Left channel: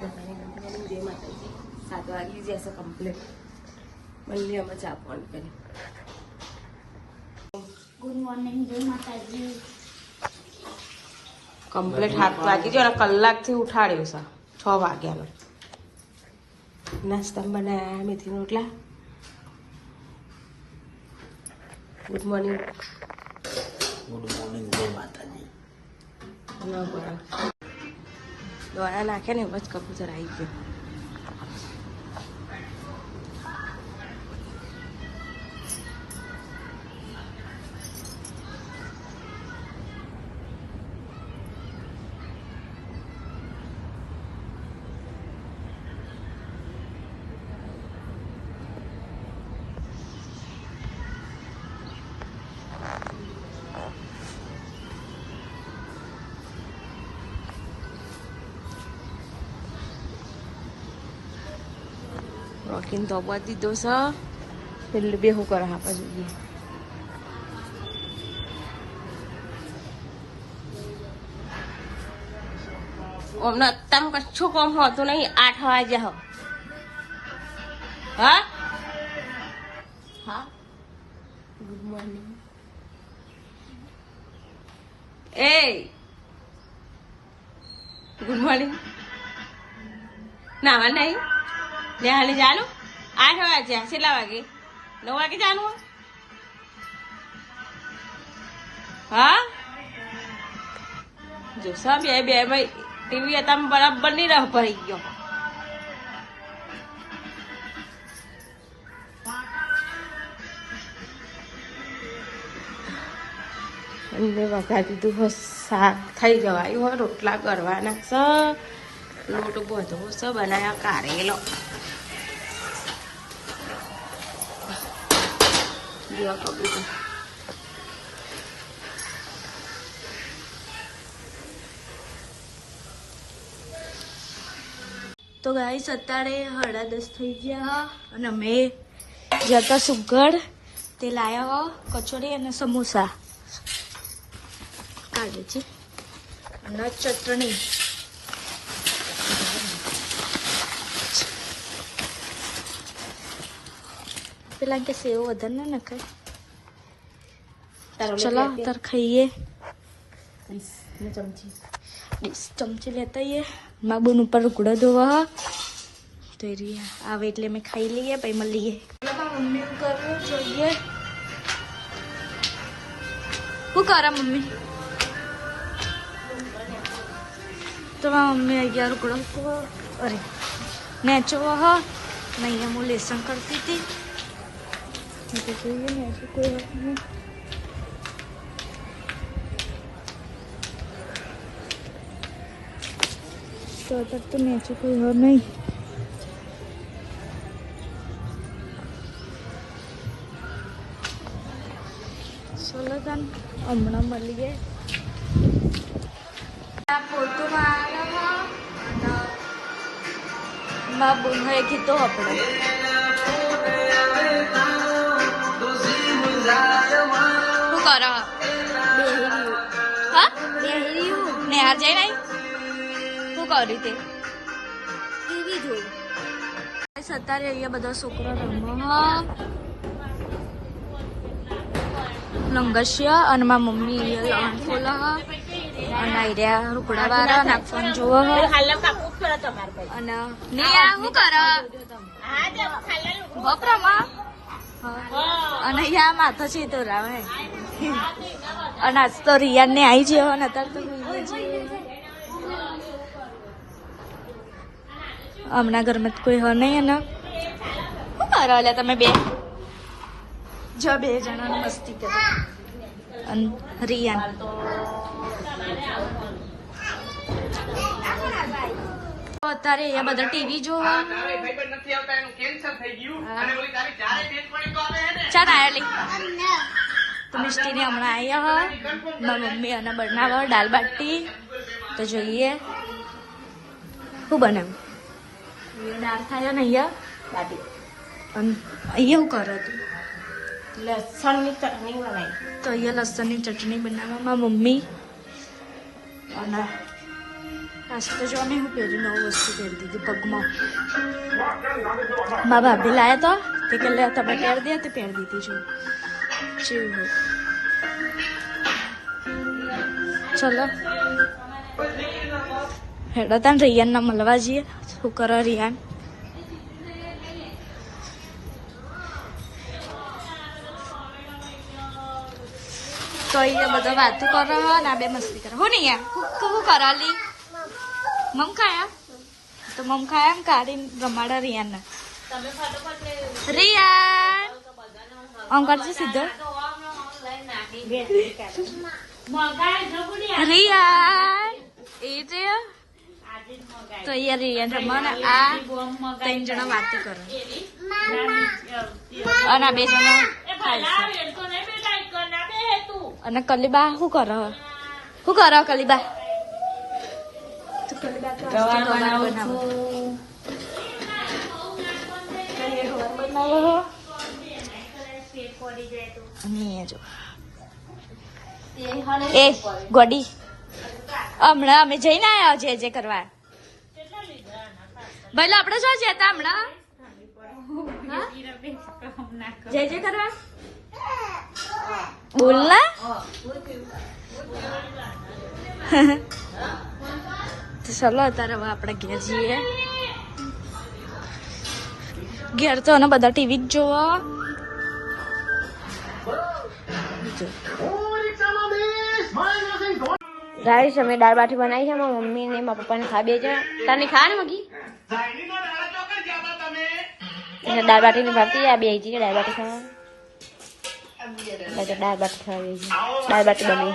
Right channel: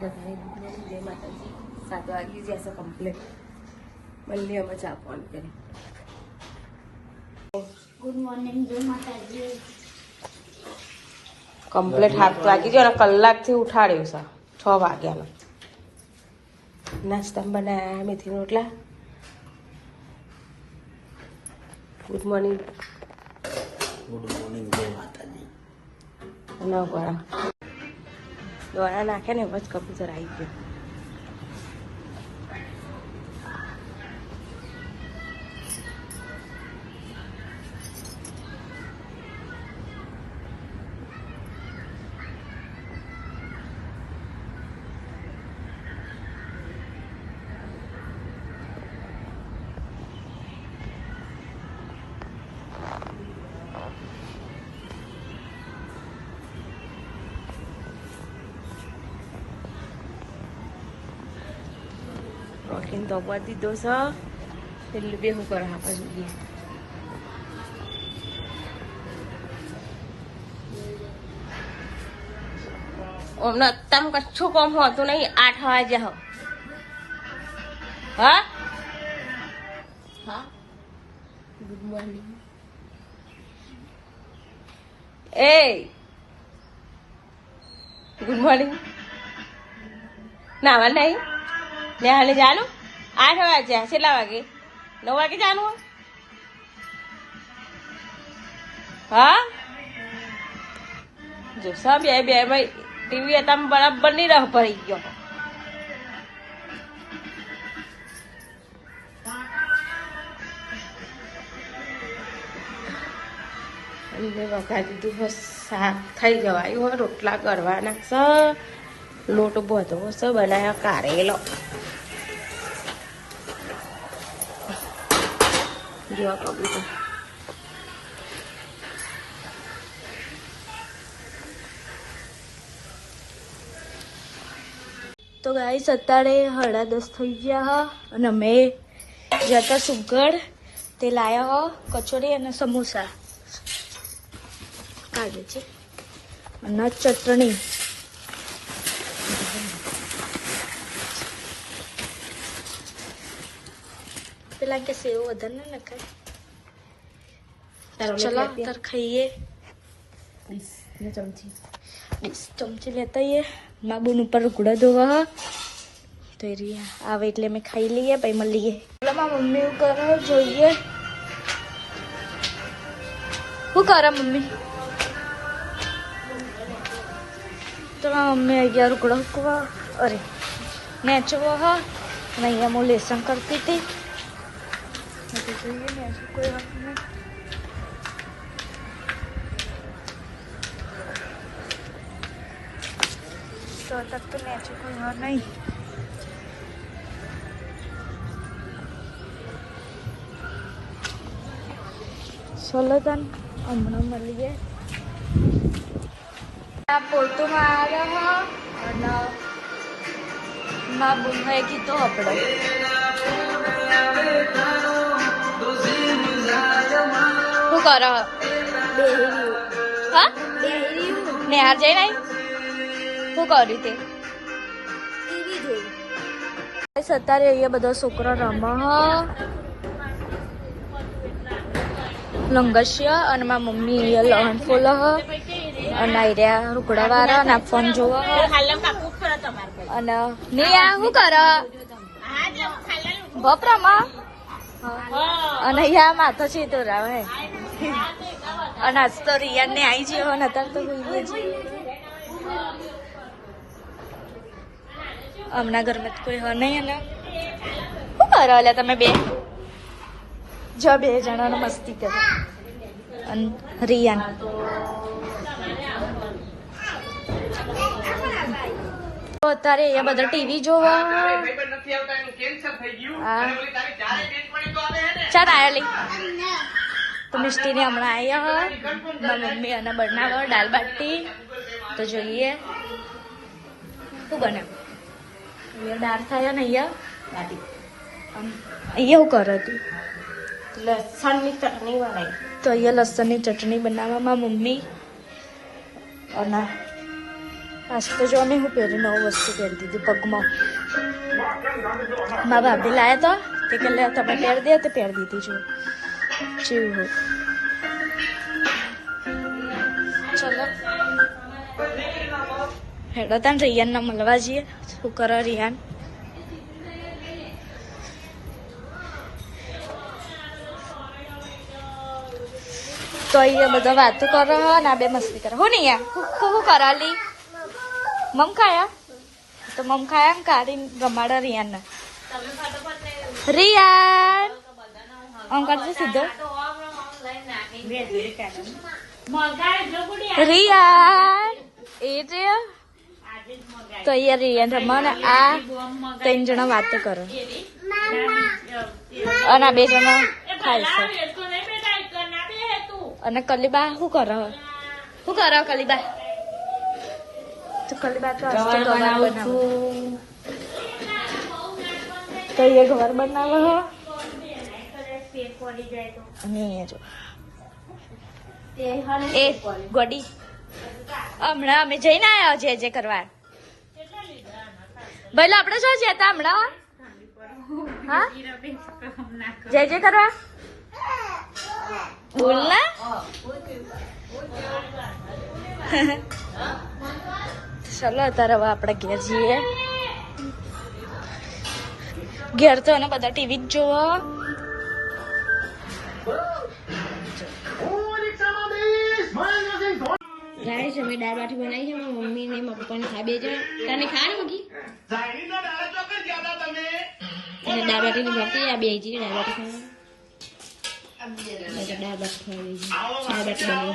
બધાને good morning, જય માતાજી. 7 વાગી જશે કમ્પ્લીટ. મળીએ અમે ચા પાણી કરી. ગુડ મોર્નિંગ, જય માતાજી. કમ્પ્લીટ 7 વાગી ગયો અને કલાકથી ઉઠાડ્યો છે. 6 વાગ્યાનો નાસ્તા બનાવ્યા, મેથી રોટલા. Good morning. ગુડ મોર્નિંગ, જય માતાજી. દોડા નાખે ને બસ કબૂતર આવી ગયો. રોકીને તો બધી દીધો છે. પેલું બે શું કરે આપણા જોઈએ. ઓમને તમ કચ્છું કોમ હોતું નહીં. 8 વાગ્યા હો. હા હા. Good morning. એ ગુડ મોર્નિંગ. નાવા નહીં નેહાને જાનું. 8 વાગ્યા. કેટલા વાગે? 9 વાગે જાનું. હા જોશા બે ભાઈ ટીવી હતા બરાબર નહીં રહ પડી ગયો. એમને વઘાર દીધું બસ. શાક થઈ ગવાયું હોય. રોટલા કરવાના છે. લોટ બધો છે. બનાવ્યા કારેલો. જો કબૂતર તો ગાઈસ અત્યારે 10:30 થઈ ગયા અને અમે જતા સુગર તે લાયા કચોરી અને સમોસા કાઢે છે અને ચટણી. પેલા કે સેવ વધારે ના નખે. ચલો તાર ખાઈએ. 20 ચમચી લેતા આવીએ. મા બોન ઉપર ઉકળો ધોવા તો આવે એટલે અમે ખાઈ લઈએ પછી મળીએ. મારા મમ્મી એવું કરે જોઈએ. શું કરે મમ્મી? તો મારા મમ્મી અહીંયા ઉકળો અરે મેચો હ અને અહીંયા હું લેસન કરતી હતી. જોઈએ ને હજુ કોઈ વાત નહીં. તો અત્યારે તો મેચો કોઈ હોય નહીં. ચલો તન હમણાં મળીએ. પોતુમાં આવ્યા અને મા બોન હોય કીધું આપણે શું કરો? હા ને હાર જઈ નહીં. શું કર્યું તે? અત્યારે અહીંયા બધા છોકરા રમે લંગસ્યા અને મારા મમ્મી અહીંયા લહણ ફોલ અને આર્યા રૂકડા વાળા અને ફોન જોવો અને નિયા શું કર બપરામાં અને અહીંયા માથો છે રાવે અને આજ તો રિયાન ને આવી છે અને અત્યારે તો હોઈએ છીએ. હમણાં ઘરમાં કોઈ હ નહીં. એના શું કરો એટલે તમે બે જો 2 જણાને મસ્તી કરે અને રિયાન અત્યારે અહીંયા બધા ટીવી જોવા. ચાલ આયા લઈ તો મિસ્ટીને હમણાં આવ્યા મારા મમ્મી અને બનાવવા દાલ બાટી. તો જોઈએ શું બનાવ્યું. અહીંયા દાળ થાય ને અહીંયા બાટી અને અહીંયા શું કરે તું? લસણની ચટણી બનાવી. તો અહીંયા લસણની ચટણી બનાવવામાં મમ્મી અને આજ તો જો અમે હું પહેરી નવું વસ્તુ પહેરી દીધી પગમાં. મારા ભાભી લાયા તો તે કે લે તમે પહેરી દે તે પહેરી દીધી છું. કેવું ચલો હેડો તાન રિયાનને મળવા જઈએ. શું કરો રિયાન? તો અહીંયા બધા વાતો કરો ને આ બે મસ્તી કરો. હું નહીં શું કરાલી મમ ખાયા તો મમ ખાયા ને કાઢીને રમાડો રિયાનને. રિયાન આમ કરજો સીધો. રિયાન એ છે તો અહીંયા રિયાન રમવા ને આ 3 જણા વાતો કરો અને આ 2 જણા ખાય છે. અને કલીબા શું કરો? શું કરો કલીબા? તો કલીબા તો ગવાર બનાવો તો એ ગવાર બન અને જો એ ગોડી હમણાં અમે જઈને આવ્યા છે જે કરવા. ભાઈ આપણે શું છે હતા હમણાં? હા જય કરવા બોલ ના. ચલો અત્યારે હવે આપણે ઘેર જઈએ. ઘેર તો ને બધા ટીવી જ જોવા. ગાઈસ અમે દાળ બાટી બનાવી છે મારી મમ્મી ને મારા પપ્પાને ખા બે જણા. તને ખા ને મગી દાળ બાટી ની ભાવતી આ બે છે દાળ બાટી ખાવા. દાળ બાટી ખાવા દાળ બાટી બની